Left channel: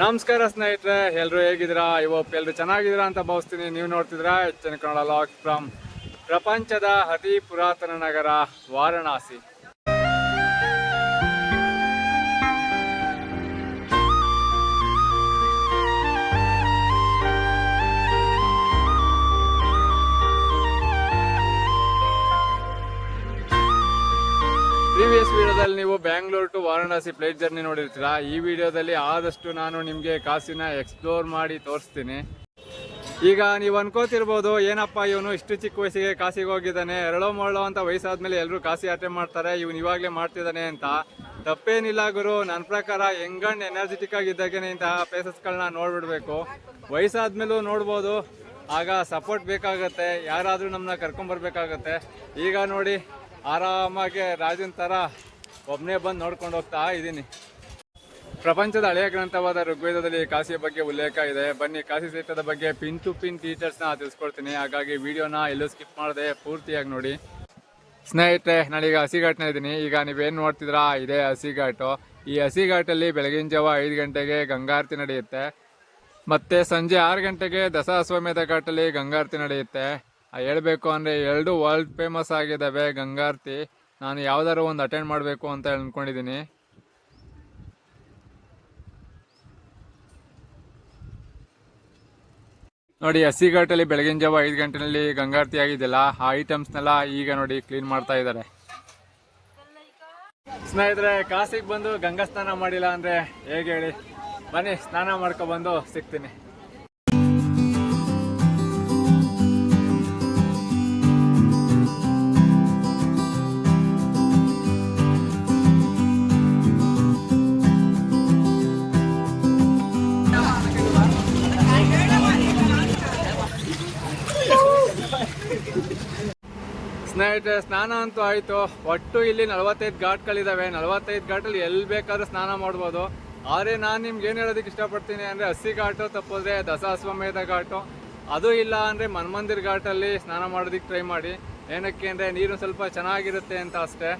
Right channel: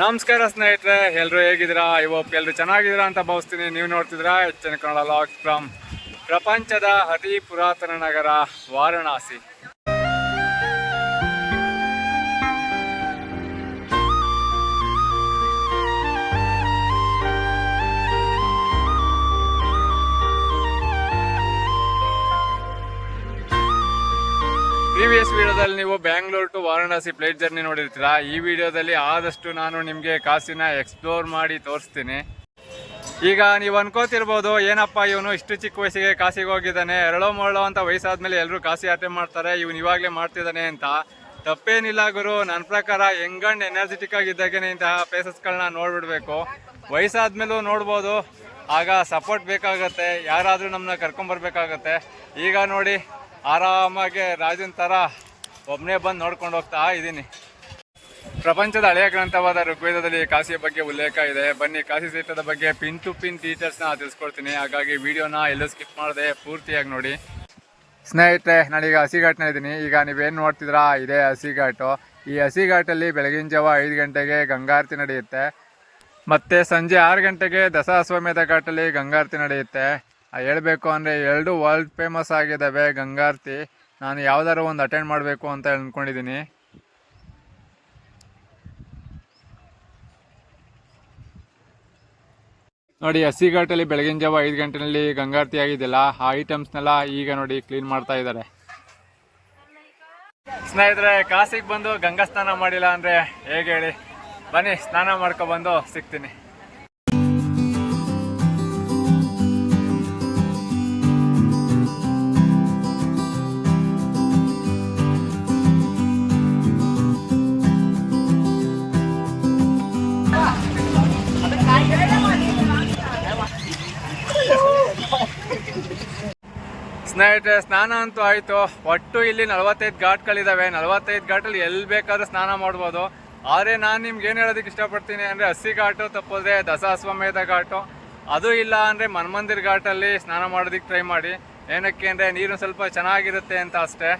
ನಮಸ್ಕಾರ ಸ್ನೇಹಿತರೆ, ಎಲ್ಲರೂ ಹೇಗಿದ್ದೀರಾ? ಇವತ್ತು ಎಲ್ಲರೂ ಚೆನ್ನಾಗಿದ್ದೀರಾ ಅಂತ ಭಾವಿಸ್ತೀನಿ. ನೀವು ನೋಡ್ತಿದ್ದೀರಾ ಹೆಚ್ಚಿನ ಕನ್ನಡ ಲಾಗ್ಸ್ ಫ್ರಮ್ ಪ್ರಪಂಚದ ಅತಿ ಪುರಾತನ ನಗರ ವಾರಣಾಸಿ. ಪ್ರೀವಿಯಸ್ ವಿಡಿಯೋದಲ್ಲಿ ನೀವು Bangalore to Varanasi flight journey ನೋಡಿರ್ತೀರಾ. ಈ ವಿಡಿಯೋದಲ್ಲಿ ಆದಷ್ಟು ನಾನು ನಿಮಗೆ ಕಾಸಿನ ಎಕ್ಸ್ಪ್ಲೋರ್ ಮಾಡಿ ತೋರಿಸ್ತೀನಿ. ಈಗ ನೀವು ಅನ್ಕೋತಿರ್ಬೋದು, ಏನಪ್ಪ ಇವನು ಇಷ್ಟು ಚಿಕ್ಕ ವಯಸ್ಸಿಗೆ ಕಾಸಿಗೆ ಹೋಗಿದ್ದಾನೆ, ಎರಳೋ ಮರಳೋ ಅಂತ ವಯಸ್ಸಾದ್ಮೇಲೆ ಎಲ್ಲರೂ ಕಾಸಿ ಯಾತ್ರೆ ಮಾಡ್ತಾರೆ, ಇವನು ಇವಾಗಲೇ ಮಾಡ್ತಿದ್ದಾನೆ ಅಂತ. ತಪ್ಪೇನಿಲ್ಲ ಗುರು, ನನ್ನ ಪ್ರಕಾರ ಯಂಗ್ ಅಂಡ್ ಎನರ್ಜೆಟಿಕ್ ಆಗಿದ್ದಾಗೇನೆ ಇಂತಹ ಪ್ಲೇಸಸ್ಗಳನ್ನ ನೋಡ್ಬಿಡ್ಬೇಕು. ವಯಸ್ಸಾದ್ಮೇಲೂ ನೋಡ್ಬೋದು, ಆಗ ಸಪೋರ್ಟ್ ಬೇಕಾಗತ್ತೆ, ಯಾರಾದರೂ ನಮ್ಮನ್ನ ಕರ್ಕೊಂಬರ್ಬೇಕಾಗತ್ತೆ. ಈಗ ನೋಡಿ, ಆರಾಮಾಗಿ ರಾಜನ ಥರ ಒಬ್ಬನೇ ಬಂದು ನೋಡ್ಕೊಂಡು ಹೋಗ್ತಾ ಇದ್ದೀನಿ. ಪ್ರಪಂಚದ ಹಳೆಯ ಗ್ರಂಥವಾದ ಋಗ್ವೇದದಲ್ಲಿ ಕಾಶಿಯ ಬಗ್ಗೆ ಉಲ್ಲೇಖ ಇದೆ. ಬನ್ನಿ, ಕಾಶಿ ಕ್ಷೇತ್ರದ ಬಗ್ಗೆ ಪಿನ್ ಟು ಪಿನ್ ಡೀಟೇಲ್ಸ್ನ ತಿಳಿಸ್ಕೊಡ್ತೀನಿ. ಹಾಗಾಗಿ ವಿಡಿಯೋನ ಎಲ್ಲೂ ಸ್ಕಿಪ್ ಮಾಡದೆ ಪೂರ್ತಿಯಾಗಿ ನೋಡಿ. ಸ್ನೇಹಿತರೆ, ನಾನೀಗ ಹಸಿಘಾಟ್ನ ಇದ್ದೀನಿ. ಈಗ ನೀವೇನು ನೋಡ್ತಿದ್ರಾ, ಇದೇ ಹಸಿಘಾಟು. ಈ ಹಸಿಘಾಟಲ್ಲಿ ಬೆಳಗಿನ ಜಾವ 5 ಗಂಟೆಗೆ ಗಂಗಾರತಿ ನಡೆಯುತ್ತೆ, ಮತ್ತು ಸಂಜೆ 6 ಗಂಟೆಗೆ ದಶಾಶ್ವಮೇಧ ಘಾಟಲ್ಲಿ ಗಂಗಾರತಿ ನಡೆಯುತ್ತೆ. ಹೇಳಬೇಕು ಅಂದರೆ 2 ವರ್ಲ್ಡ್ ಫೇಮಸ್ ಆಗಿದ್ದಾವೆ ಗಂಗಾರತಿ. ನಾನು ಯಾವ್ದಾದ್ರು ಒಂದು ಅಟೆಂಡ್ ಮಾಡಬೇಕು ಅಂತ ಅಂದ್ಕೊಂಡಿದ್ದೀನಿ. ನೋಡಿ, ಹಸಿಘಾಟಲ್ಲಿ ಬೆಳಗಿನ ಜಾವ 5 ಗಂಟೆನಲ್ಲಿ ಗಂಗಾರತಿ ಆಗಿದೆಯಲ್ಲ, ಆ ಐಟಮ್ಸ್ನೆಲ್ಲ ಈಗ ನೋಡಿ ಕ್ಲೀನ್ ಮಾಡ್ತಾ ಇದ್ದಾರೆ. ಸ್ನೇಹಿತರೆ, ಕಾಸಿಗೆ ಬಂದು ಗಂಗಾ ಸ್ನಾನ ಮಾಡಿಲ್ಲ ಅಂದರೆ ಹೇಗೆ ಹೇಳಿ? ಬನ್ನಿ, ಸ್ನಾನ ಮಾಡ್ಕೊಬಂದು ಸಿಗ್ತೀನಿ. ಸ್ನೇಹಿತರೆ, ಸ್ನಾನ ಅಂತೂ ಆಯಿತು. ಒಟ್ಟು ಇಲ್ಲಿ 45 ಘಾಟ್ಗಳಿದ್ದಾವೆ. 45 ಘಾಟಲ್ಲಿ ಎಲ್ಲಿ ಬೇಕಾದ್ರೂ ಸ್ನಾನ ಮಾಡ್ಬೋದು. ಆದರೆ ನಾನು ನಿಮ್ಗೆ ಏನು ಹೇಳೋದಕ್ಕೆ ಇಷ್ಟಪಡ್ತೀನಿ ಅಂದರೆ, ಹಸಿಘಾಟು ತಪ್ಪಿದ್ರೆ ದಶಾಶ್ವಮೇಧ ಘಾಟು, ಅದು ಇಲ್ಲ ಅಂದರೆ ಮನ್ಮಂದಿರ್ ಘಾಟಲ್ಲಿ ಸ್ನಾನ ಮಾಡೋದಕ್ಕೆ ಟ್ರೈ ಮಾಡಿ. ಏನಕ್ಕೆ ಅಂದರೆ ನೀರು ಸ್ವಲ್ಪ ಚೆನ್ನಾಗಿರುತ್ತೆ ಅಂತ ಅಷ್ಟೇ.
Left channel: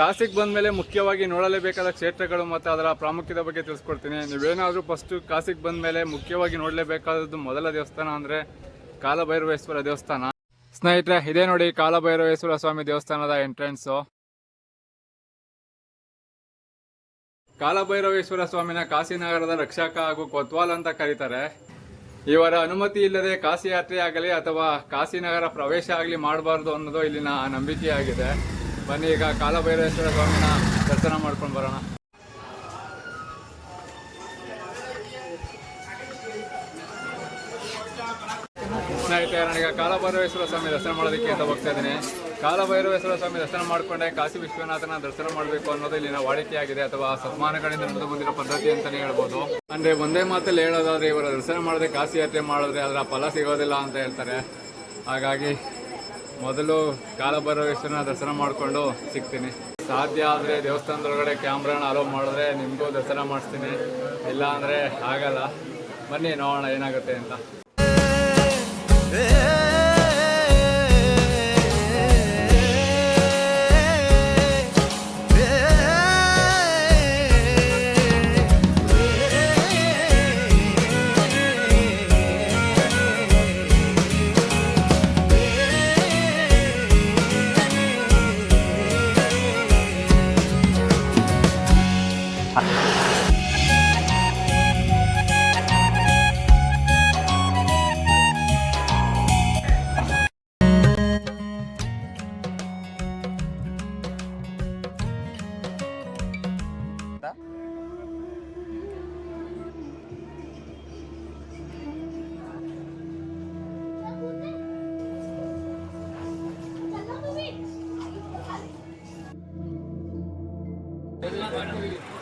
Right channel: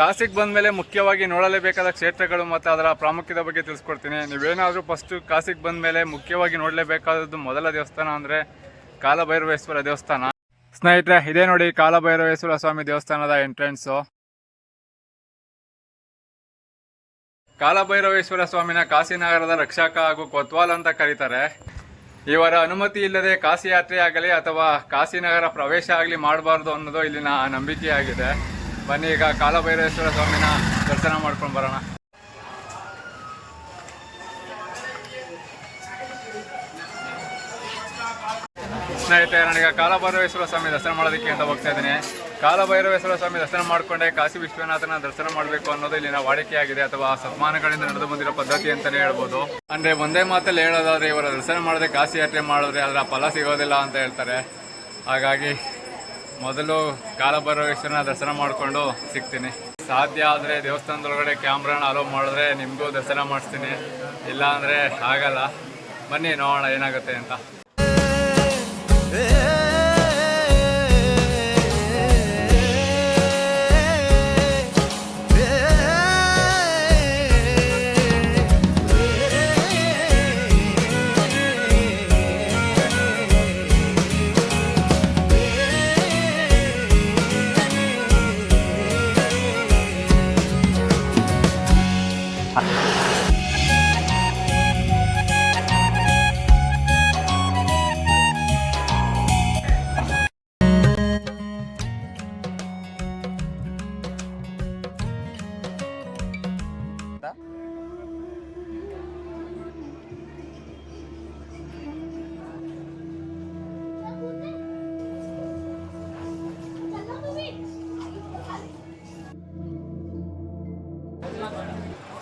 ಕಾಸಿಗೆ ಬಂದಮೇಲೆ ಮುಖ್ಯವಾಗಿ ನೋಡಲೇಬೇಕಾದ ಕ್ಷೇತ್ರಗಳು ಮತ್ತು ಅದರ ಪ್ರಾಮುಖ್ಯತೆ ಬಗ್ಗೆ ತಿಳಿಸ್ಕೊಡ್ತೀನಿ. ನೀವೇನಾದರೂ ಫಸ್ಟು ಕಾಸಿಗೆ ಬಂದಮೇಲೆ ಮುಖ್ಯವಾಗಿ ನೋಡಲೇಬೇಕಾದದ್ದು ಮೊದಲ ದೇವಸ್ಥಾನ ಅಂದರೆ ಕಾಲಭೈರವೇಶ್ವರ ದೇವಸ್ಥಾನ. ಸ್ನೇಹಿತರೆ, ಇದೇ ನೋಡಿ ಕಾಲಭೈರವೇಶ್ವರ ಸ್ವಾಮಿ ದೇವಸ್ಥಾನದ ಎಂಟ್ರೆನ್ಸು. ಕಾಲಭೈರವೇಶ್ವರ ಸ್ವಾಮಿನ ಕಾಶಿನಗರದ ರಕ್ಷಕ ಹಾಗೂ ಕೊತ್ವಾಲ್ ಅಂತ ಕರೀತಾರೆ. ಇವರ ಅನುಮತಿ ಇಲ್ಲದೆ ಕಾಶಿ ಯಾತ್ರೆ ಆಗಲಿ ಅಥವಾ ಕಾಶಿನಗರ ಪ್ರವೇಶ ಆಗಲಿ ಮಾಡಬಾರ್ದು ಅನ್ನೋದು ಇಲ್ಲಿನ ನಂಬಿಕೆಯಾಗಿದೆ. ಬನ್ನಿ, ಈಗ ಕಾಲಭೈರವೇಶ್ವರ ಸ್ವಾಮಿನ ದರ್ಶನ ಮಾಡ್ಕೊಂಡು ಬರೋಣ. ಸ್ನೇಹಿತರೆ, ನಾನೀಗ ಕಾಲಭೈರವೇಶ್ವರ ಸ್ವಾಮಿ ದರ್ಶನ ಮಾಡೋದಕ್ಕೆ ಅಂತ ಹೋಗ್ತಾ ಇದ್ದೀನಿ. ಕಾಲಭೈರವೇಶ್ವರ ಸ್ವಾಮಿ ದರ್ಶನ ಮಾಡಿಕೊಂಡೆ ಕಾಶಿ ವಿಶ್ವನಾಥನ ದರ್ಶನ ಮಾಡಬೇಕು ಅನ್ನೋದು ಇಲ್ಲಿನ ವಾಡಿಕೆಯಾಗಿದೆ, ಅಥವಾ ಶತಮಾನಗಳಿಂದ ನಡೆದು ಬಂದಿರೋ ಪದ್ಧತಿ ಅಂತಲೇ ಹೇಳ್ಬೋದು. ಅಂದರೆ ಒಂದೇ ಮಾತಲ್ಲಿ ಹೇಳೋದಾದ್ರೆ, ಇವರ ದರ್ಶನ ಮಾಡದೆ ಕಾಶಿ ಯಾತ್ರೆ ಮಾಡಿದ್ರೆ ಅದರ ಫಲ ಸಿಗೋದಿಲ್ಲ ಅಂತ ಹೇಳ್ತಾರೆ. ಹಾಗಾಗಿ ಮೊದಲು ಕಾಲಭೈರವೇಶ್ವರನ ದರ್ಶನ ಮಾಡಿಕೊಂಡು ಸಿಗ್ತೀನಿ. ಸಾಧ್ಯ ಆದರೆ ದೇವಸ್ಥಾನದೊಳಗಡೆ ಕ್ಯಾಮ್ರಾನ ಅಲೋ ಮಾಡಿದ್ರೆ ನಿಮಗೂ ದರ್ಶನ ಮಾಡಿಸ್ತೀನಿ, ಇಲ್ಲ ಅಂದರೆ ಆಗಲ್ಲ. ಬನ್ನಿ, ನೋಡೋಣ ಏನಾಗುತ್ತೆ ಅಂತ.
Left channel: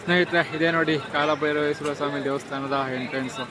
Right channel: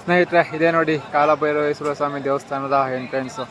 ಸ್ನೇಹಿತರೆ, ಇದೇ ನೋಡಿ ಕಾಲಭೈರವೇಶ್ವರ ಸ್ವಾಮಿ ದೇವಸ್ಥಾನದ ಎಂಟ್ರೆನ್ಸು.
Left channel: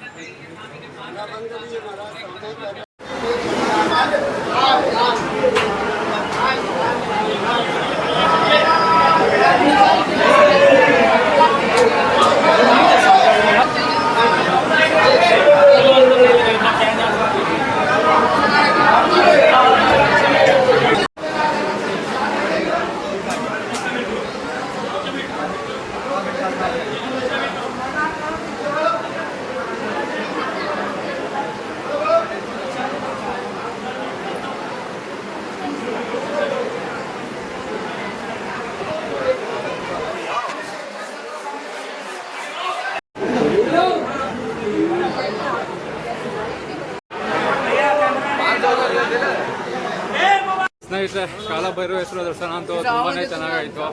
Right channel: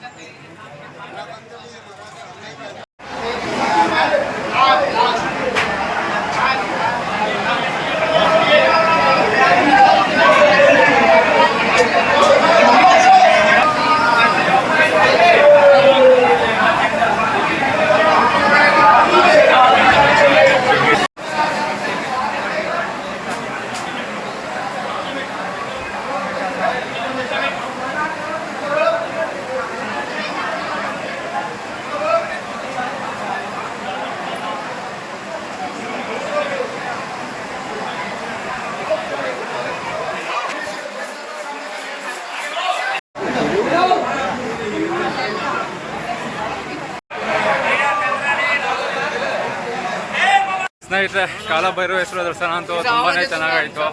ಸ್ನೇಹಿತರೆ, ಕಾಲಭೈರವೇಶ್ವರ ದರ್ಶನ ಅಂತೂ ತುಂಬಾ ಚೆನ್ನಾಗಾಯಿತು.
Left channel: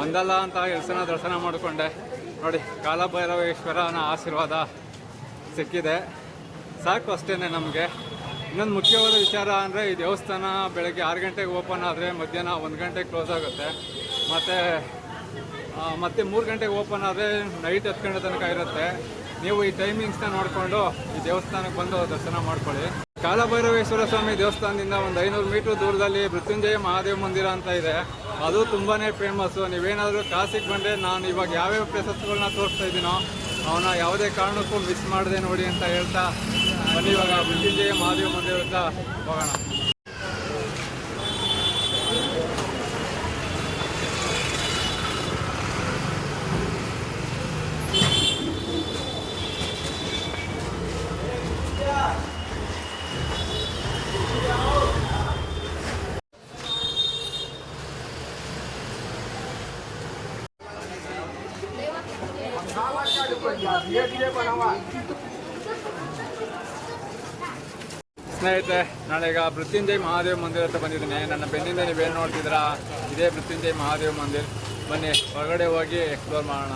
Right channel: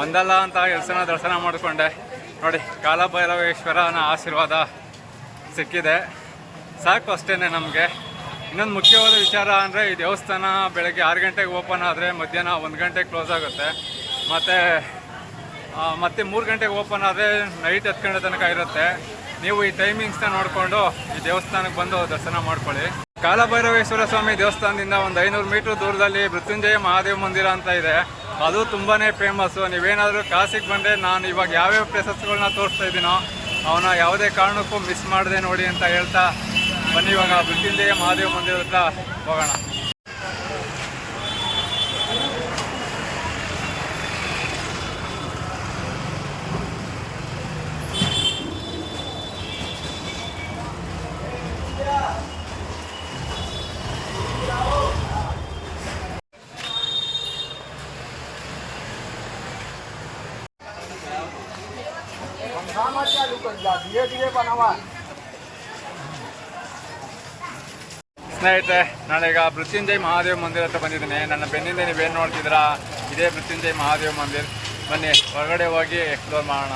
ಒಂದಲ್ಲ ಅಂತ 2 ಸಲ ದರ್ಶನ ಮಾಡಿಕೊಂಡೆ. ನೋಡಿ, ಕಾಲಭೈರವೇಶ್ವರನ ಆಶೀರ್ವಾದ ಸಿಕ್ಕಿದೆ, ಸಾಕು ಅಷ್ಟೇ ನಮಗೆ. ಇನ್ನೊಂದು ಮುಖ್ಯವಾದ ವಿಚಾರ ಅಂದರೆ, ಈ ದೇವಸ್ಥಾನ ಬೆಳಗ್ಗೆ 6 ಗಂಟೆಗೆ ಓಪನ್ ಆದರೆ ಮಧ್ಯಾಹ್ನ 1 ಗಂಟೆಗೆ ಕ್ಲೋಸ್ ಆಗುತ್ತೆ. ಮತ್ತು 3 ಗಂಟೆಗೆ ಓಪನ್ ಆದರೆ ನೈಟ್ 10 ಗಂಟೆ ತನಕ ಇರುತ್ತೆ. ನೀವು ಈ ಟೈಮಿಂಗ್ಸ್ನ ನೋಡಿಕೊಂಡು ಈ ದೇವಸ್ಥಾನಕ್ಕೆ ಬಂದು ದರ್ಶನ ಮಾಡ್ಕೊಳ್ಳಿ. ಕಾಲಭೈರವೇಶ್ವರ ಸ್ವಾಮಿ ದೇವಸ್ಥಾನದಿಂದ ಒಂದು 500 ಮೀಟ್ರ್ ದೂರದಲ್ಲಿ ಮೃತ್ಯುಂಜಯ ಮಹಾದೇವ ಮಂದಿರ ಅಂತ ಇದೆ. ಅದು ತುಂಬಾ ಫೇಮಸ್ಸು. ನೀವೇನಾದರೂ ಕಾಸಿಗೆ ಬಂದರೆ, ನಾನು ಇವಾಗ ಯಾವ್ಯಾವ ಪ್ಲೇಸಸ್ಗಳನ್ನ ತೋರಿಸ್ತಾ ಇದ್ದೀನೋ ಅವನ್ನ ಯಾವುದೇ ಕಾರಣಕ್ಕೂ ಮಿಸ್ ಮಾಡದೆ ನೋಡಿ ಅಂತ ಹೇಳ್ತಾ ಬನ್ನಿ ಇವಾಗ ಮೃತ್ಯುಂಜಯ ಮಹಾದೇವ ಮಂದಿರ ಹತ್ರ ಹೋಗೋಣ. ಸ್ನೇಹಿತರೆ, ನಾನೀಗ ಮೃತ್ಯುಂಜಯ ಮಹಾದೇವ ಮಂದಿರ ಹತ್ರ ಬಂದಿದ್ದೀನಿ. ನನ್ನ ಬೆನ್ನಿಂದ ನೀವೇನು ನೋಡ್ತಿದ್ದೀರಾ, ಇದೇ ಮೃತ್ಯುಂಜಯ ಮಹಾದೇವ ಮಂದಿರ. ಬನ್ನಿ ಹೊರಗಡೆ ಹೋಗಿ ಎಕ್ಸ್ಪ್ಲೋರ್ ಮಾಡೋಣ.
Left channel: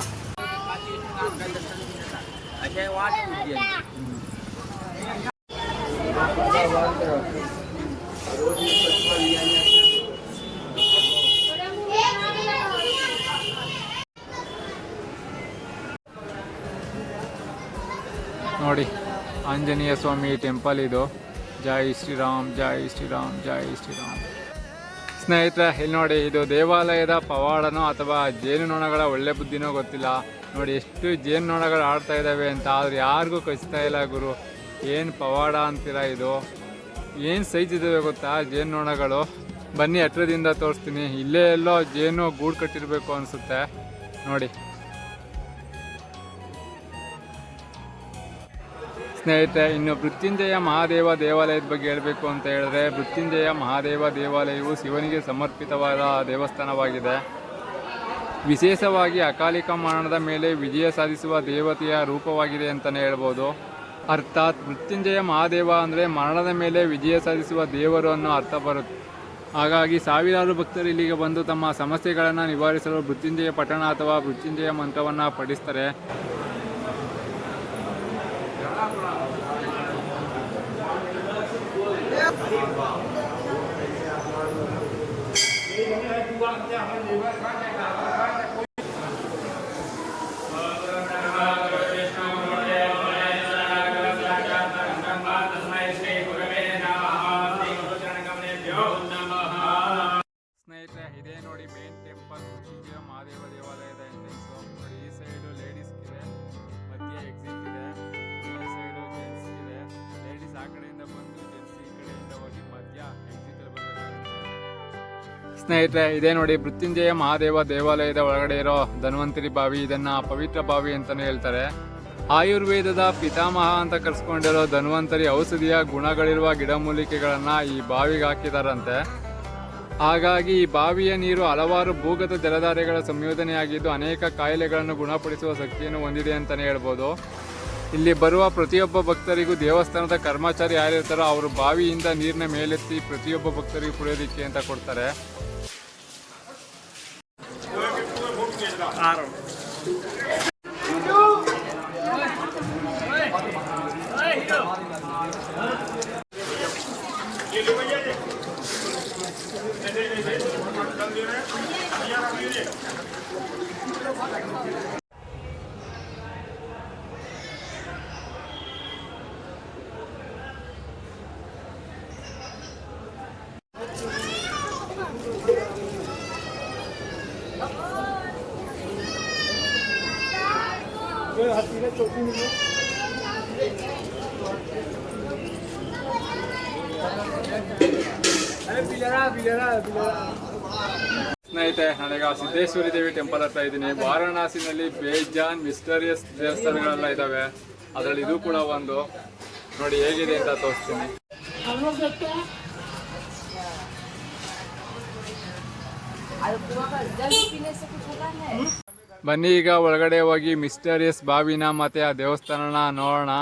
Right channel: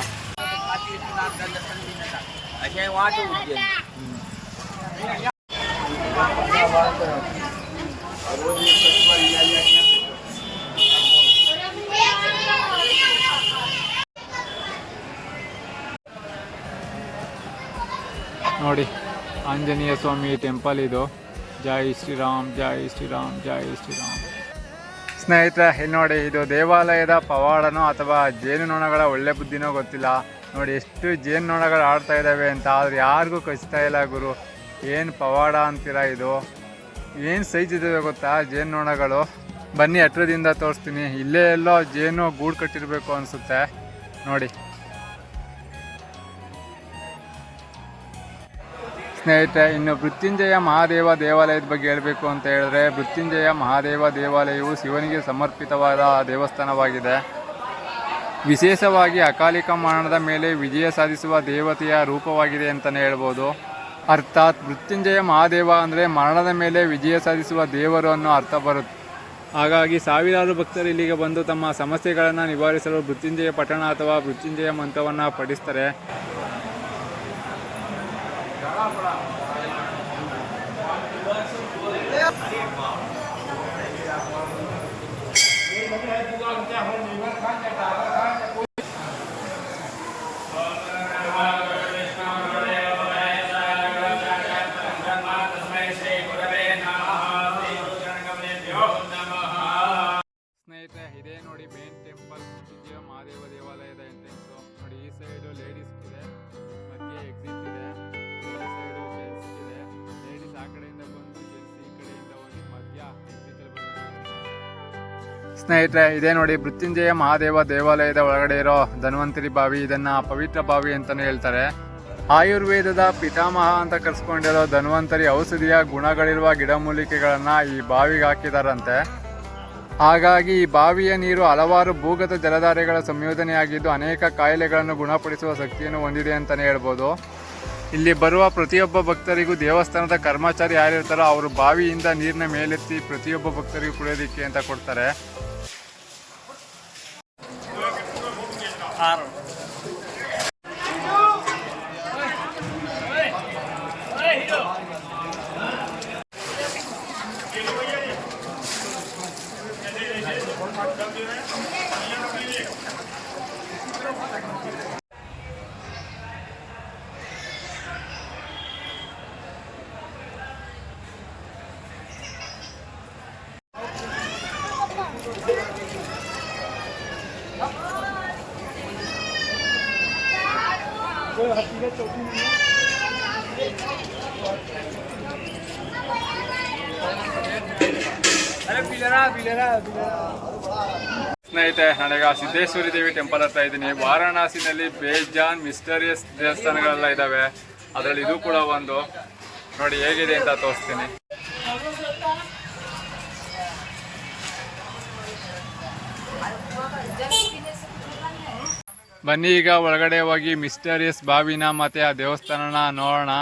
ನೋಡಿ, ಆಂಜನೇಯ ಸ್ವಾಮಿ ಟೆಂಪಲ್ ಇದು. ಜೈ ಶ್ರೀರಾಮ್, ಜೈ ಶ್ರೀರಾಮ್, ಜೈ ಶ್ರೀರಾಮ್. ಸ್ನೇಹಿತರೆ, ಇಲ್ಲಿ ನೋಡಿ, ಇದು ದೇವಾಲಯದ ಪವಾಡನೋ ಅಥವಾ ಜೇನುನೊಣಗಳ ಒಳ್ಳೆ ಬುದ್ಧಿನೋ ಗೊತ್ತಿಲ್ಲ. ನೋಡಿ ಎಷ್ಟು ಜೇನುನೊಣಗಳು ಆಡ್ತಾ ಇದ್ದಾವೆ ಅಂತ. ಆದರೆ ಯಾರಿಗೂ ಕಚ್ತಾ ಇಲ್ಲ ಗುರು. ಏನು ಪವಾಡ ಅಂತೀರಾ ಇದು? ಏನು ಸೈಜ್ ಇದ್ದಾವೆ ಗೊತ್ತಾ ಜೇನುನೊಣಗಳು? ಬನ್ನಿ ಹತ್ರದಿಂದ ತೋರಿಸ್ತೀನಿ. ಇಲ್ಲೇ ಎಲ್ಲೋ ಜೇನು ಗೂಡು ಕಟ್ಟಿರಬೇಕು ಅನಿಸುತ್ತೆ. ನೋಡಿ ಸ್ನೇಹಿತರೆ, ಇನ್ನು ಮೃತ್ಯುಂಜಯ ಮಹಾದೇವ ದೇವಾಲಯದ ಬಗ್ಗೆ ಹೇಳಬೇಕು ಅಂತ ಹೇಳಿದ್ರೆ, ಮೃತ್ಯುಂಜಯ ಮಹಾದೇವ ದೇವಾಲಯವು ಶಿವನಿಗೆ ಸಮರ್ಪಿತವಾದ ದೇವಸ್ಥಾನವಾಗಿದೆ. ವಿಶೇಷವಾಗಿ ಅಕಾಲಿಕ ಮರಣದ ಮೇಲೆ ವಿಜಯ ಸಾಧಿಸುವ ದೇವತೆಯ ರೂಪವಾಗಿದೆ ಅಂತಲೇ ಹೇಳ್ಬೋದು. ಅರ್ಥಾತ್ ಮೃತ್ಯುಂಜಯ ಮಹಾದೇವ ಅಂದರೆ ಮರಣದ ಮೇಲೆ ವಿಜಯ ಸಾಧಿಸುವ ದೇವರು ಅನ್ನೋ ಅರ್ಥ ಬರುತ್ತೆ. ಹಾಗಾಗಿ ಸಾವಿರಾರು ಭಕ್ತರು ಇಲ್ಲಿಗೆ ಬಂದು ತಮ್ಮ ಸಮಸ್ಯೆಗಳನ್ನು ನಿವಾರಿಸಲು ಮೃತ್ಯುಂಜಯ ಪಠಣ ಅಥವಾ ಮೃತ್ಯುಂಜಯ ಮಂತ್ರವನ್ನು ಪಠಿಸ್ತಾರೆ. ಸ್ನೇಹಿತರೆ, ಇದೇ ನೋಡಿ ಮೇನ್ ಟೆಂಪಲ್ ಮೃತ್ಯುಂಜಯ ಮಹಾದೇವ ದೇವಾಲಯದ ಎಂಟ್ರೆನ್ಸು. ನೋಡಿ, ಈ ಸೈಡು ಲೇಡೀಸ್ ಇದೆ, ಮಧ್ಯೆ ಎಕ್ಸಿಟ್ ಇದೆ, ಈ ಸೈಡು ಜೆಂಟ್ಸ್ ಇದೆ. ಲೇಡೀಸ್ ಆ ಕಡೆಯಿಂದ ಬಂದು ಜೆಂಟ್ಸ್ ಈ ಕಡೆಯಿಂದ ಹೋಗಿ ಮಧ್ಯ ಎಕ್ಸಿಟಲ್ಲಿ ಬರಬೇಕಾಗುತ್ತೆ. ಸ್ನೇಹಿತರೆ, ಇದೇ ನೋಡಿ ಮೃತ್ಯುಂಜಯ ಮಹಾದೇವ ದೇವಾಲಯದ ಒಳಗಡೆ ಇರೋ ಧನ್ವಂತರಿ ಬಾವಿ. ಇದನ್ನು ಪವಿತ್ರ ಬಾವಿ ಅಂತಲೂ ಹೇಳ್ತಾರೆ. ಆಯುರ್ವೇದದ ಪಿತಾಮಹ ಅಂತ ಕರೆಸ್ಕೊಂಡಿರೋ ಧನ್ವಂತರಿ ಔಷಧಿಯ ಗುಣಗಳಿರುವ ಗಿಡಮೂಲಿಕೆಗಳನ್ನು ಈ ಬಾವಿಗೆ ಹಾಕಿದಾರಂತೆ. ಹಾಗಾಗಿ ಈ ಬಾವಿಯ ನೀರು ಹಲವಾರು ಭೂಗತ ಜಲಧಾರೆಗಳ ಸಂಯೋಜನೆಯಾಗಿದ್ದು ಅನೇಕ ಕಾಯಿಲೆಗಳನ್ನು ಗುಣಪಡಿಸುವ ಶಕ್ತಿಯನ್ನು ಹೊಂದಿದೆ ಅಂತಲೇ ಹೇಳ್ಬೋದು. ಇಲ್ಲಿ ಬರುವ ಪ್ರತಿಯೊಬ್ಬ ಭಕ್ತರಿಗೂ ದೇವಸ್ಥಾನದ ಕರ್ಮಚಾರಿ ಯಾರಿರ್ತಾರೋ ಅವರು ಬಾವಿಯಿಂದ ನೀರಿನ ಮೇಲೆತ್ತಿ ಪ್ರತಿಯೊಬ್ಬ ಭಕ್ತರಿಗೂ ಕುಡಿಯೋದಿಕ್ಕೆ ಅಂತ ಕೊಡ್ತಾರೆ. ಸ್ನೇಹಿತರೆ, ನಾನೀಗ ಸಿದ್ದೇಶ್ವರಿ ದೇವಿ ಟೆಂಪಲ್ ಹತ್ರ ಇದ್ದೀನಿ. ವಾರಣಾಸಿನಲ್ಲಿ ಬೇಜಾನ್ ಮಿಸ್ಟರಿಯಸ್ ದೇವಸ್ಥಾನಗಳೆಲ್ಲ ಇದ್ದಾವೆ. ಅದರಲ್ಲಿ ಇದು ಕೂಡ ಒಂದು. ನೋಡಿ ಹೇಗಿದೆ ಅಂತ ತೋರಿಸ್ತೀನಿ. ಬನ್ನಿ ಈಗ ಒಳಗಡೆ ಹೋಗಿ ಮಿಸ್ಟರಿಯಸ್ ಬಾವಿನ ಮತ್ತೆ ಆ ದೇವಸ್ಥಾನನ ನೋಡೋಣ.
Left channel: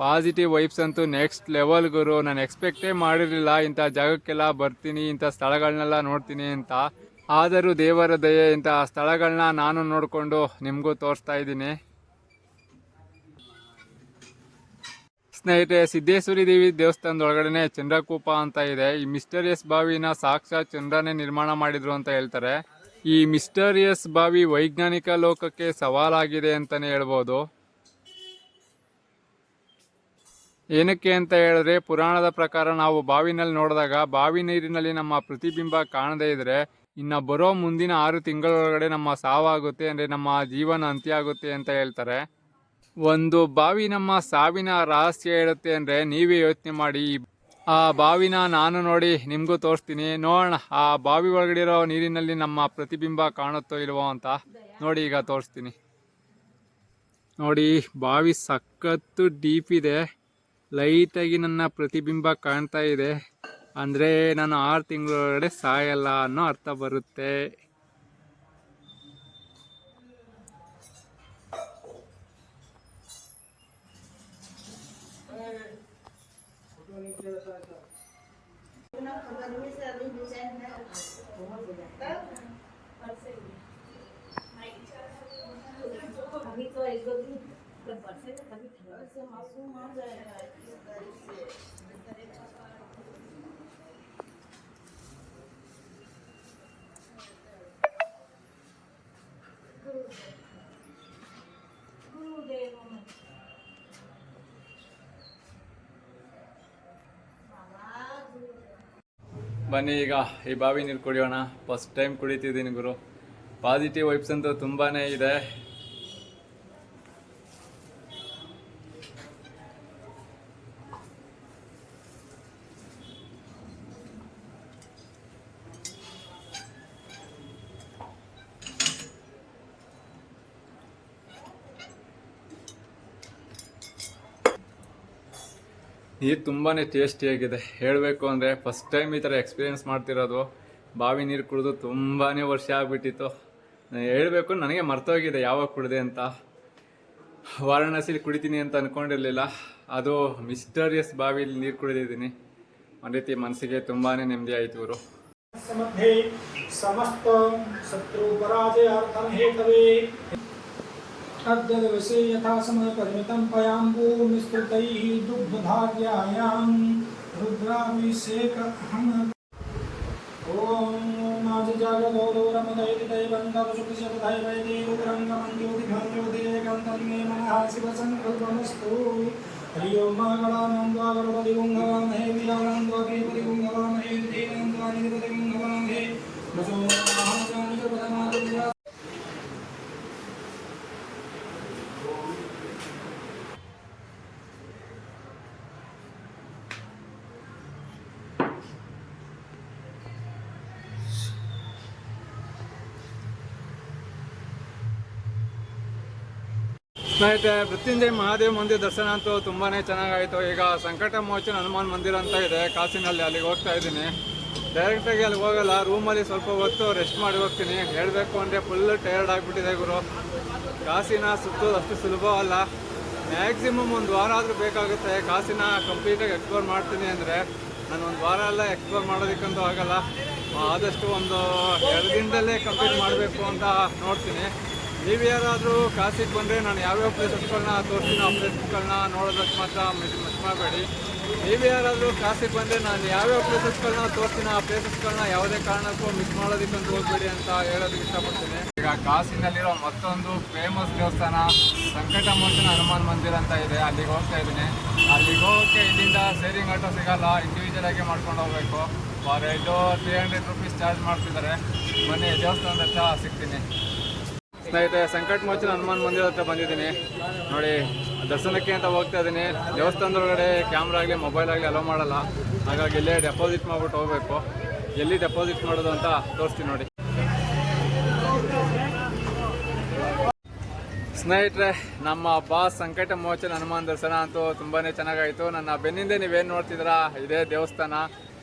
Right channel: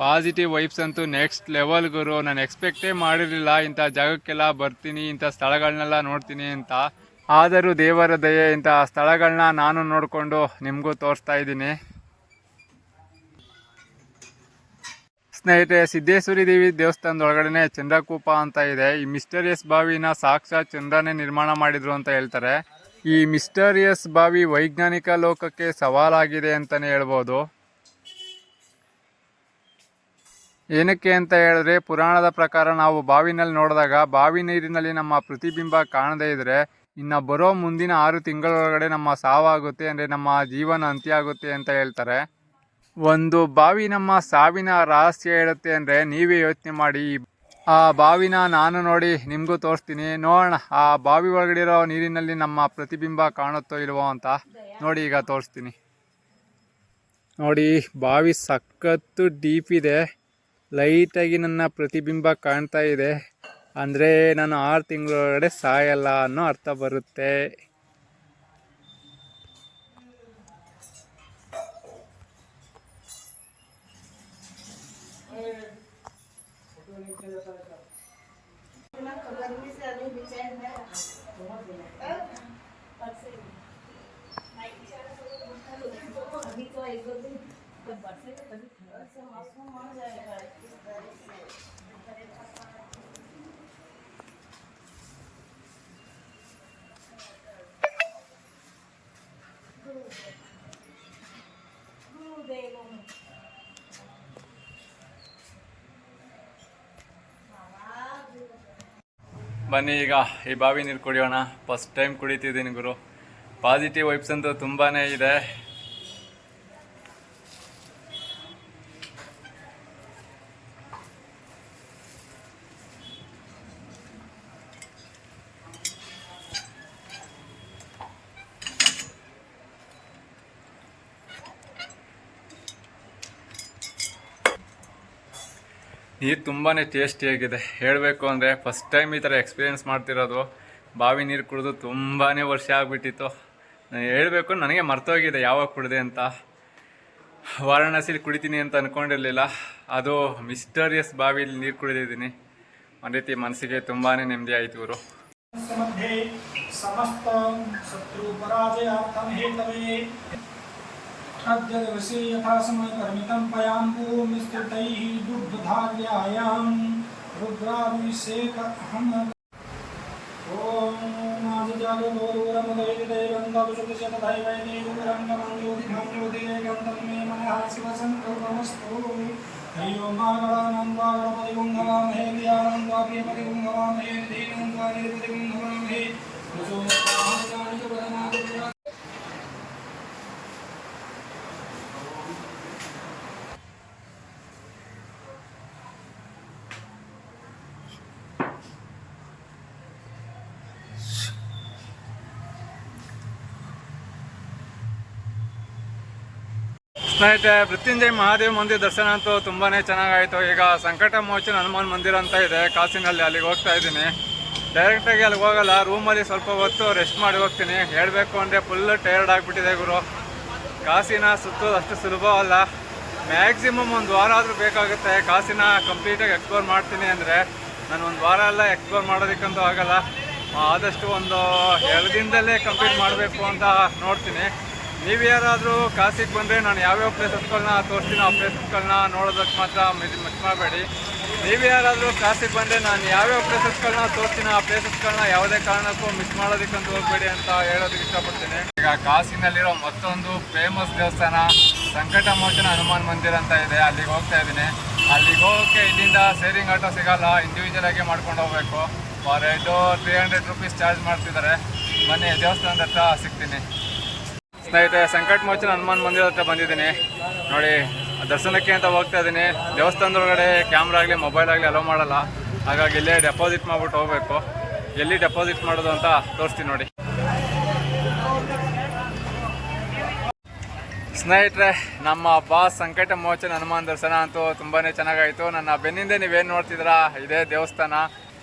ಪಾಸಿಟಿವ್ ವೈಬ್ಸ್ ಅಂತೂ ನೆಕ್ಸ್ಟ್ ಲೆವೆಲ್ ಗುರು. ನಾನು ಎಕ್ಸ್ಪೆಕ್ಟೇ ಮಾಡಿರಲಿಲ್ಲ ಇಂಥ ಜಾಗಕ್ಕೆಲ್ಲ ಬರ್ತೀನಿ, ಇಂಥ ಸ್ಥಳಗಳನ್ನೆಲ್ಲ ನೋಡ್ತೀನಿ ಅಂತ. ಆದರೂ ದೇವರ ದಯೆ ಇಂಥ ಸ್ಥಳಗಳನ್ನ ನಾನು ನೋಡಿಕೊಂಡು ನಿಮಗೂ ತೋರಿಸ್ತಾ ಇದ್ದೀನಿ. ಸ್ನೇಹಿತರೆ, ಸಿದ್ದೇಶ್ವರಿ ದೇವಿ ದೇವಸ್ಥಾನದ ಒಳಗಡೆ ಚಂದ್ರಕೂಪ ಅಂತ ಇದೆ. ಈ ಮಿಸ್ಟರಿಯಸ್ ಬಾವಿನ ಸಾಕ್ಷಾತ್ ಚಂದ್ರನೇ ನಿರ್ಮಾಣ ಮಾಡಿದ್ರು ಅಂತ ಹೇಳ್ತಾರೆ. ಈ ಮಿಸ್ಟರಿಯಸ್ ಬಾವಿ ವೈಜ್ಞಾನಿಕ ಲೋಕಕ್ಕೆ ಸವಾಲಾಗಿದೆ ಅಂತಲೇ ಹೇಳ್ಬೋದು. ಏನಕ್ಕೆ ಅಂತ ಹೇಳಿದ್ರೆ, ಪುರಾಣದ ಪ್ರಕಾರ ನಾವು ಬಾವಿನಲ್ಲಿ ನೋಡಿದಾಗ ಬಾವಿ ನೀರಿನಲ್ಲಿ ನಮ್ಮ ಪ್ರತಿಬಿಂಬ ಕಾಣದೇ ಇದ್ರೆ ಇನ್ನು ಬರೋ ಮುಂದಿನ 6 ತಿಂಗಳೊಳಗಡೆ ನಮ್ಮ ಸಾವಾಗುತ್ತೆ, ಅಂದರೆ ನಮ್ಮ ಜೀವನ ಅಂತ್ಯ ಆಗುತ್ತೆ ಅಂತ ಹೇಳ್ತಾರೆ. ಒಂದು ಬಾವಿ ನಮ್ಮ ಸಾವಿನ ರಹಸ್ಯ ಹೇಳುತ್ತೆ ಅಂದರೆ ನೀವೇ ಯೋಚನೆ ಮಾಡಿ. ಆ ಬಾವಿನ ನಾನು ನೋಡಿ ನಿಮಗೂ ತೋರಿಸ್ತೀನಿ, ನೋಡೋಣ ಆ ಬಾವಿ ಒಳಗಡೆ ಇರೋ ನೀರಿನಲ್ಲಿ ನಮ್ಮ ಪ್ರತಿಬಿಂಬ ಕಾಣುತ್ತೋ ಇಲ್ವೋ ಅಂತ. ನೋಡಿ, ಈಗ ತೋರಿಸ್ತೀನಿ ನೋಡಿ. ಬಾವಿ ಸಖತ್ತು ಡೀಪ್ ಇದೆ. ಲೈಟಾಗಿ ನನ್ನ ಪ್ರತಿಬಿಂಬ ಕಾಣ್ತಾ ಇದೆ. ಅಂದರೆ ನಾನು 6 ತಿಂಗಳೊಳಗಡೆ ಸಾಯಲ್ಲ ಅನ್ನೋ ಅರ್ಥ ಬರುತ್ತೆ. ಬನ್ನಿ ಈಗ ಈ ಬಾವಿ ನೀರು ಕುಡಿಯೋಣ. ಫಸ್ಟ್ ಟೈಮ್ ಕುಡಿತಿದ್ದೀನಿ ಗುರು. ಪಾಸಿಟಿವ್ ವೈಬ್ಸ್ ಅಂತೂ ತುಂಬಾ ಇದೆ. ನೀರು ತುಂಬಾ ಟೇಸ್ಟಿಯಾಗಿದೆ. ಹೇಳಬೇಕು ಅಂದರೆ ಫಸ್ಟ್ ಟೈಮ್ ಈ ಥರ ಎಕ್ಸ್ಪೀರಿಯೆನ್ಸ್ ಮಾಡ್ತಿರೋದು. ಬಾವಿ ನೀರು ಕುಡಿದು ತುಂಬಾ ವರ್ಷ ಆಗಿಬಿಟ್ಟಿತ್ತು. ನಾನು ಹೇಳಬೇಕು, ನನಗೆ ಮರ್ತೋಗಿದೆ ಯಾವಾಗ ಕುಡಿದೆ ಅಂತ. ವಾರಣಾಸಿಲಿ ಕುಡಿತೀನಿ ಅಂತ ಅಂದ್ಕೊಂಡಿರಲಿಲ್ಲ. ಅದು ಮಿಸ್ಟರಿಯಸ್ ಬಾವಿಲಿ ನೀರು ಕುಡಿದಿದ್ದೀನಿ. ಒಂದು ರೀತಿ ಮನಸ್ಸಿಗೆ ತುಂಬಾ ನೆಮ್ಮದಿ ಆಯಿತು ಗುರು. तद्यदिवसे यथा समयपरिमितं पयाम्बूमिस्तुतैः दुग्धधार्यायां रुद्राभिषेकम् ॐ माजिजागदोरुरमुदैर्दैवन्तदशतिशतदैवैदैरुरङ्गमङ्गोदिघ्नज्योतिरेकं तन्मे शिवसङ्कल्पमस्तु हरिओं मागणानन्द्वागरपतिगुं भवामहे दियानन्द्वाप्रियपतिगुं भवामहे धीनन्द्वादिपतिगुं भवामहे वसुन्धरामजानिकपदनादिपुरा. ಸ್ನೇಹಿತರೆ, ಮೃತ್ಯುಂಜಯ ಮಹಾದೇವ ಮಂದಿರ ದರ್ಶನ ಅಂತೂ ತುಂಬಾ ಚೆನ್ನಾಗಾಯಿತು. ಈಗ ಸಂಕಟ ಮೋಚನ ಹನುಮಾನ್ ಮಂದಿರ ಅಂತ ಇದೆ ಕಾಸಿನಲ್ಲಿ, ಅಲ್ಲಿಗೆ ಹೋಗ್ತಾ ಇದ್ದೀನಿ. ಡೈರೆಕ್ಟಾಗಿ ಅಲ್ಲಿಗೆ ಹೋಗಲ್ಲ, ರೂಮಲ್ಲಿ ಸ್ವಲ್ಪ ಹೊತ್ತು ರೆಸ್ಟ್ ಮಾಡಿ ಹೋಗ್ತೀನಿ. ಹೇಳಬೇಕು ಅಂದರೆ ಫುಲ್ ಟಯರ್ಡ್ ಆಗಿಬಿಟ್ಟಿದೆ ಗುರು. ಕಾಸಿನ ಸುತ್ತೋದು ಅಷ್ಟು ಸುಲಭವಲ್ಲ. ಮ್ಯಾಕ್ಸಿಮಮ್ 1 ವಾರ ಆದರೂ ಬೇಕಾಗುತ್ತೆ. ಕಾಸಿನ ಕಂಪ್ಲೀಟಾಗಿ ಎಕ್ಸ್ಪ್ಲೋರ್ ಮಾಡ್ತೀನಿ ಅಂದರೆ ನಾನು 1 ವಾರ ಎಲ್ಲ ಎಕ್ಸ್ಪ್ಲೋರ್ ಮಾಡೋದಕ್ಕಂತೂ ಆಗಲ್ಲ. ಆದಷ್ಟು ಒಂದು 2 ದಿನದಲ್ಲೇ ಕಂಪ್ಲೀಟ್ ಮಾಡಬೇಕು ಅಂತ ನೋಡ್ತೀನಿ. ನೀವು ಯಾರಾದರೂ ಕಾಸಿಗೆ ಬಂದರೆ ನಾನು ಯಾವ್ಯಾವ ಪ್ಲೇಸಸ್ಗಳನ್ನ ತೋರಿಸ್ತೀನಿ, ಆ ಪ್ಲೇಸಸ್ಗಳನ್ನ ನೋಡೋದಕ್ಕೆ ಮಾತ್ರ ಮಿಸ್ ಮಾಡಬೇಡಿ. ನೀವು ಯಾರಾದರೂ ಕಾಸಿಗೆ ಬಂದರೆ ನಾನು ಯಾವ್ಯಾವ ಪ್ಲೇಸಸ್ಗಳನ್ನ ತೋರಿಸ್ತೀನಿ, ಆ ಪ್ಲೇಸಸ್ಗಳನ್ನ ಯಾವುದೇ ಕಾರಣಕ್ಕೂ ಮಿಸ್ ಮಾಡೋದಕ್ಕಂತೂ ಹೋಗಬೇಡಿ ಅಂತ ಹೇಳೋದಕ್ಕೆ ಇಷ್ಟಪಡ್ತೀನಿ. ಈಗ ಕಾಸಿನಲ್ಲಿರೋ ಮತ್ತೊಂದು ಫೇಮಸ್ ದೇವಸ್ಥಾನ ಸಂಕಟ ಮೋಚನ ಹನುಮಾನ್ ಮಂದಿರ ಅಂತ ಇದೆ, ಅಲ್ಲಿಗೆ ಹೋಗ್ತಾ ಇದ್ದೀನಿ. ಅಲ್ಲಿಗೆ ಹೋಗೋಕ್ಕೆ ಇಲ್ಲಿಂದ ಶೇರಿಂಗ್ ಆಟೋ ಸಿಗೋಲ್ಲ, ಇಂಡಿವಿಜುವಲಾಗಿ ಮಾಡ್ಕೊಂಡು ಹೋಗಬೇಕು. ಫಾರ್ ಹೆಡ್ 300 ರೂಪೀಸ್ ಚಾರ್ಜ್ ಮಾಡ್ತಿದ್ದಾರೆ. ಬನ್ನಿ ದೇವಸ್ಥಾನದ ಹತ್ರ ಸಿಗ್ತೀನಿ. ಸ್ನೇಹಿತರೆ, ಸಂಕಟ ಮೋಚನ ಹನುಮಾನ್ ಮಂದಿರ ಹತ್ರ ಬಂದಿದ್ದೀನಿ ನೋಡಿ. ದರ್ಶನಕ್ಕೆ ಅಂತ ಹೋಗ್ತಾ ಇದ್ದೀನಿ. ದೇವಸ್ಥಾನದೊಳಗಡೆ ಕ್ಯಾಮ್ರಾ ಆಗಲಿ ಮೊಬೈಲ್ ಆಗಲಿ ಅಲೋ ಮಾಡಲ್ಲ. ಹಾಗಾಗಿ ಇಲ್ಲೇ ಡೆಪಾಸಿಟ್ ಮಾಡ್ಬಿಟ್ಟು ಹೋಗಬೇಕು. ಎಲ್ಲಿ ಡೆಪಾಸಿಟ್ ಮಾಡೋದು ಅಂತ ತೋರಿಸ್ತೀನಿ ನೋಡಿ. ಸ್ನೇಹಿತರೆ, ನಮ್ಮ ಬಾಸ್ ಸಂಕಟ ಮೋಚನ ಹನುಮಾನ್ ದರ್ಶನ ಅಂತೂ ತುಂಬಾ ಚೆನ್ನಾಗಾಯಿತು. ನನ್ನ ಬೆನ್ನಿಂದ ನೀವೇನು ನೋಡ್ತಿದ್ದೀರಾ ಇದೇ ದೇವಸ್ಥಾನ.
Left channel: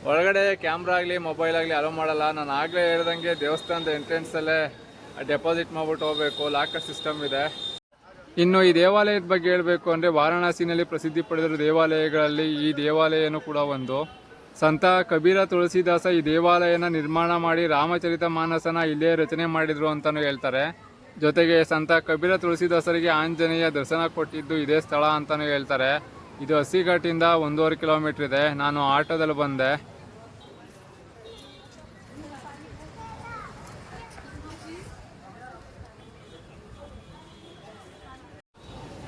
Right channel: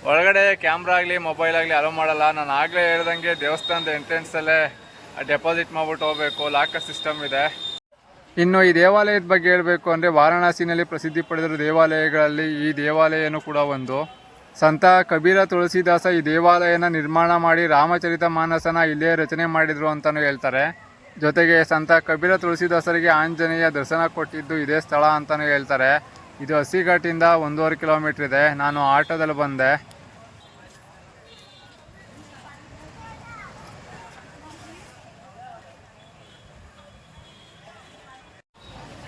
ಒಳಗಡೆ ಕ್ಯಾಮ್ರಾ ಆಗಲಿ ಮೊಬೈಲ್ ಆಗಲಿ ಅಲೋ ಮಾಡಲ್ಲ. ನಾನು ಆಗಲೇ ಹೇಳ್ದಂಗೆ ದೇವಸ್ಥಾನದ ಎಂಟ್ರೆನ್ಸಲ್ಲೇ ಡೆಪಾಸಿಟ್ ಮಾಡ್ಬಿಟ್ಟು ಹೋಗಬೇಕು. ಲಾಕರ್ ಸಿಸ್ಟಮ್ ಇದೆ. ಇನ್ನು ಈ ದೇವಾಲಯದ ಬಗ್ಗೆ ಹೇಳಬೇಕು ಅಂದರೆ ವಾರಣಾಸಿನಲ್ಲಿ ಪ್ರಸಿದ್ಧಿ ಪಡೆದಿರುವ ದೇವಾಲಯಗಳಲ್ಲಿ ಈ ದೇವಾಲಯನೂ ಕೂಡ ಒಂದು. ಸಂತ ಕಬೀರ ತುಳಸಿದಾಸ ಈ ದೇವಾಲಯನ ನಿರ್ಮಾಣ ಮಾಡಿ ರಾಮಚರಿತ ಮಾನಸನ ಇಲ್ಲೇ ರಚನೆ ಮಾಡಿದ್ರು ಅಂತಲೂ ಹೇಳ್ತಾರೆ. ಜೊತೆಗೆ ಸಂತ ಕಬೀರ ತುಳಸಿದಾಸರಿಗೆ ಆಂಜನೇಯ ದರ್ಶನ ಕೊಟ್ಟಿದ್ದು ಇದೇ ಸ್ಥಳ ಅಂತಲೂ ಹೇಳ್ತಾರೆ. ಇದು ಹಸಿಘಾಟಿಂದ 1.5 ಕಿಲೋಮೀಟರ್ ಇದೆ. ನಾನು ಆಟೋದಲ್ಲಿ ಬಂದೆ.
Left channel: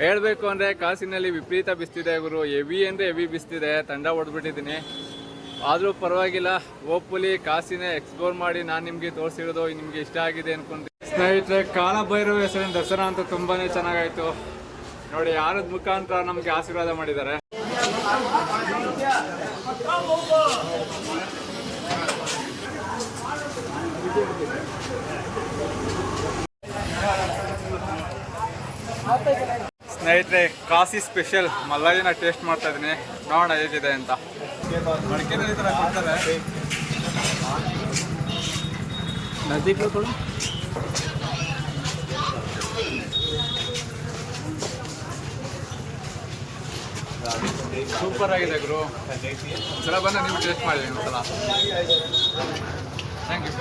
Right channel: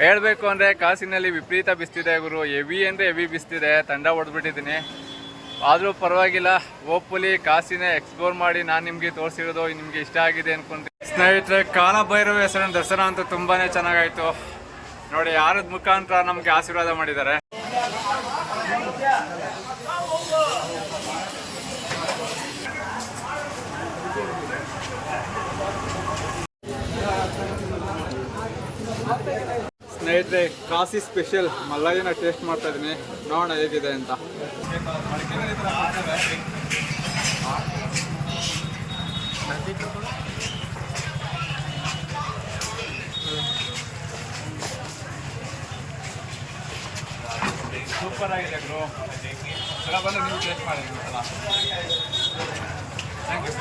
ಹೇಳಬೇಕು ಅಂದರೆ ಕಾಸಿನಲ್ಲಿ ವಿಪರೀತ ಬಿಸ್ತಿದೆ ಗುರು. ಹೆವಿ ಅಂದರೆ ಹೆವಿ ಬಿಸ್ತಿದೆ. ತಂಡ ಹೊಡೆದ್ಬಿಟ್ಟಿದ್ದೀನಿ. ಆದರೂ ಪರವಾಗಿಲ್ಲ. ಹೋಪ್ಫುಲಿ ಕಾಸಿನ ಎಕ್ಸ್ಪ್ಲೋರ್ ಮಾಡಿ ನಾನು ನಿಮಗೆ ತೋರಿಸಿರೋದು ನಿಮಗೆ ಇಷ್ಟ ಆಗಿದೆ ಅನ್ಕೊಂತೀನಿ. ಸ್ನೇಹಿತರೆ, ಕಾಲಭೈರವ ಹೆಸರಿನ ದರ್ಶನ ಅಂತೂ ತುಂಬಾ ಚೆನ್ನಾಗಾಯಿತು. ನೋಡಿ, ಯಾರದ ಮುಖಾಂತರ ನಮಗೆ ಆಶೀರ್ವಾದ ಮಾಡಿದ್ದಾರೆ. ಸ್ನೇಹಿತರೆ, ಕಾಸಿ ಸ್ಪೆಷಲ್ ಮಲ್ಲಯ್ಯನ ಟೇಸ್ಟ್ ಮಾಡ್ತಾ ಇದ್ದೀನಿ. ನೋಡೋಣ ಹೇಗಿದೆ ಅಂತ. ಮಡಿಕೆನಲ್ಲಿ ಈ ಥರ ಕೊಡ್ತಾರೆ. ಸೂಪರ್ ಆಗಿದೆ ಗುರು. ಒಂದ್ಸಲ ಬಂದು ನೀವು ಟೇಸ್ಟ್ ಮಾಡಿ ಒಂದ್ಸಲ. Thank you.